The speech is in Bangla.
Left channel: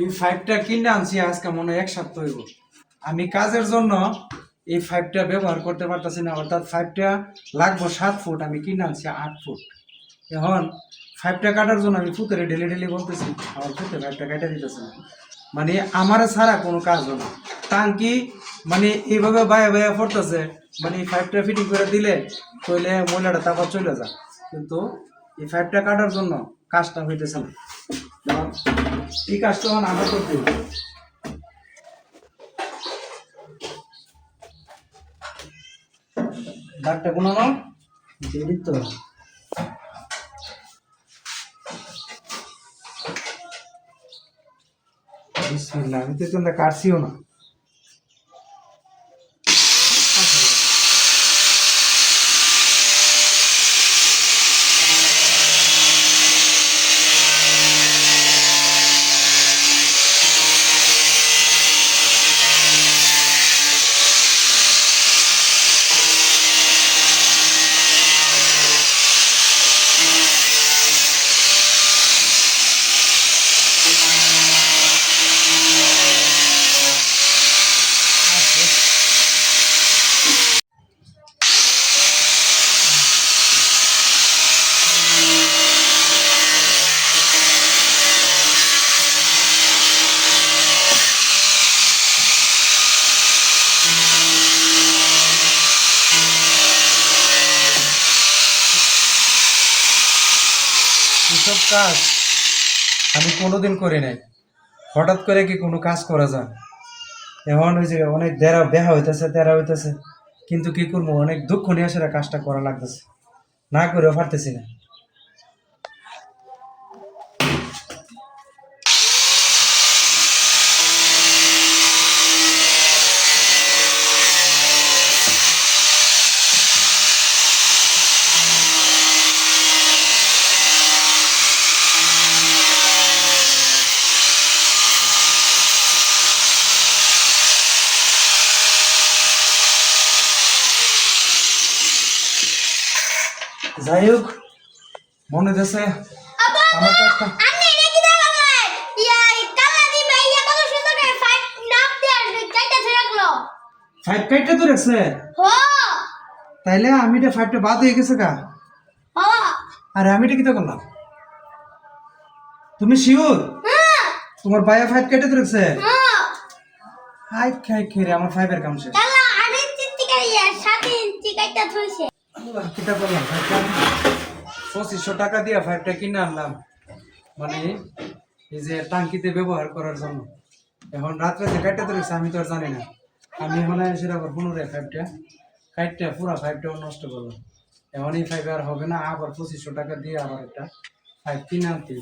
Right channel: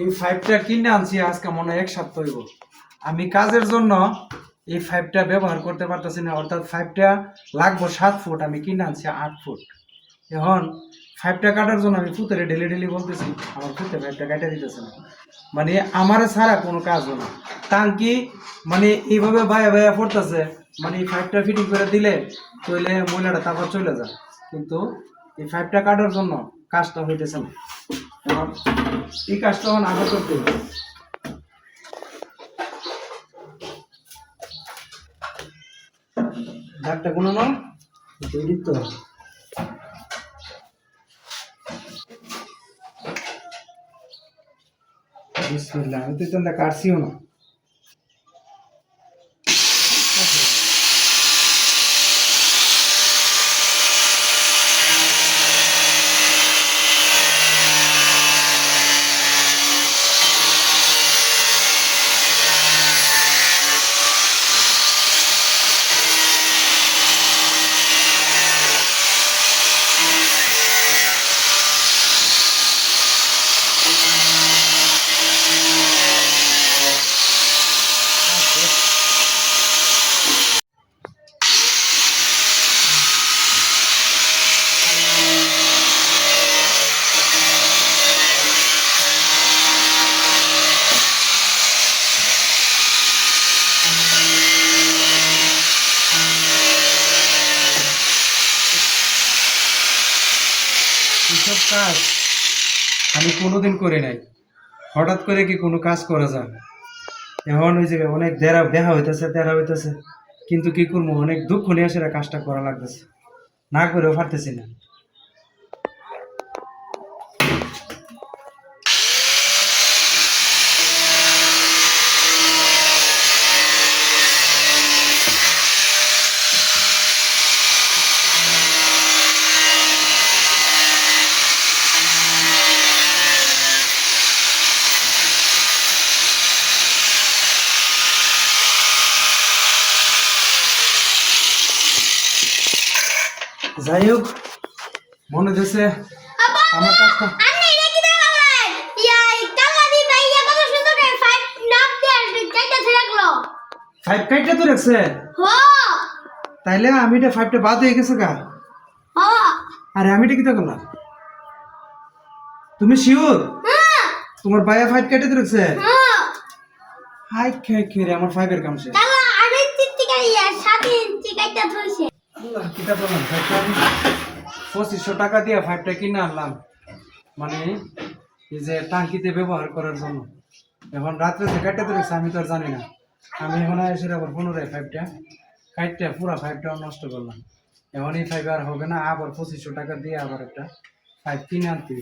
এই ফাইভটা কিনে আনছি, আজকে মনে হয় এক সপ্তাহ হইব। আমি কাজের জন্য এই ফাইভটা ব্যবহার করতে পারতেছি না, অর্থাৎ ফাইভটা লাগবো সাত ফুট, আমি কিনে আনছি আট ফুট। এখন ফাইভটা কাটার জন্য আমি ফুতেরে ডেলি ডেলি বলতেছি, আমার ফুতে ফাইভটা কাটা দিতেছে না। মানে আমার ছাড়া কোনো কাজ হলো টাঙ্কি মানে এইভাবে বায়ে বায়ে পড়তেছে মানে এই ফাইভটা ফিটিং করে দিলে তৈলে ময়লাটা তারপর চলে যায়। কিন্তু এই ফাইভটা কাটার জন্য কাজটা হইতেছে না। এই কাজটা এখন আবার করতে হবে দাগটা তো বিসমিল্লাহ আমি তো কাটছিও না। কাজ আমি কোনোদিন করি নাই। হঠাৎ করে কি কোনো কাজ করা যায়? এমন ওই যে অনেক দেরা বেহা হইতেছে তেরা হইতেছে, কিন্তু কি করব? অনেক দুঃখ নিয়ে সেটা কাজটা করা লাগতেছে। না করেও পারতেছি না। যাই হোক মনে হচ্ছে আমার কাজটা কি ফাইভ পেটে তো রাখছে? তাইলে আমি এটা ফাইভটা বাদ হয়ে গেছে গা। হো। আরে আমি এটা কি তো করলাম? তুমি শিওর হ্যাঁ। তোমার বাইরে ফাইভ কেটে তো রাখছে? হ্যাঁ। হাই খাই খেয়ে আমার ফাইভের কাম শেষ। আল্লাহ ফাইভটা আমি পঁচিশশো টাকা দিয়ে ফাইভটা কিনে আনলাম। মানে এই যে টাঙ্কিতে ব্যবহার করার জন্য। এখন রাত্রে যে কাটতে তো আমি তো আর জানি না। আমি এখন সেটা আবার পুনরায় ফাইভটা কাটতে পুরা ফাইভটা নষ্ট করলাম। এখন এই ফাইভ আর হবে না, আবার পঁচিশশো টাকা দিয়ে আবার একটা ফাইভ কিনে আনতে।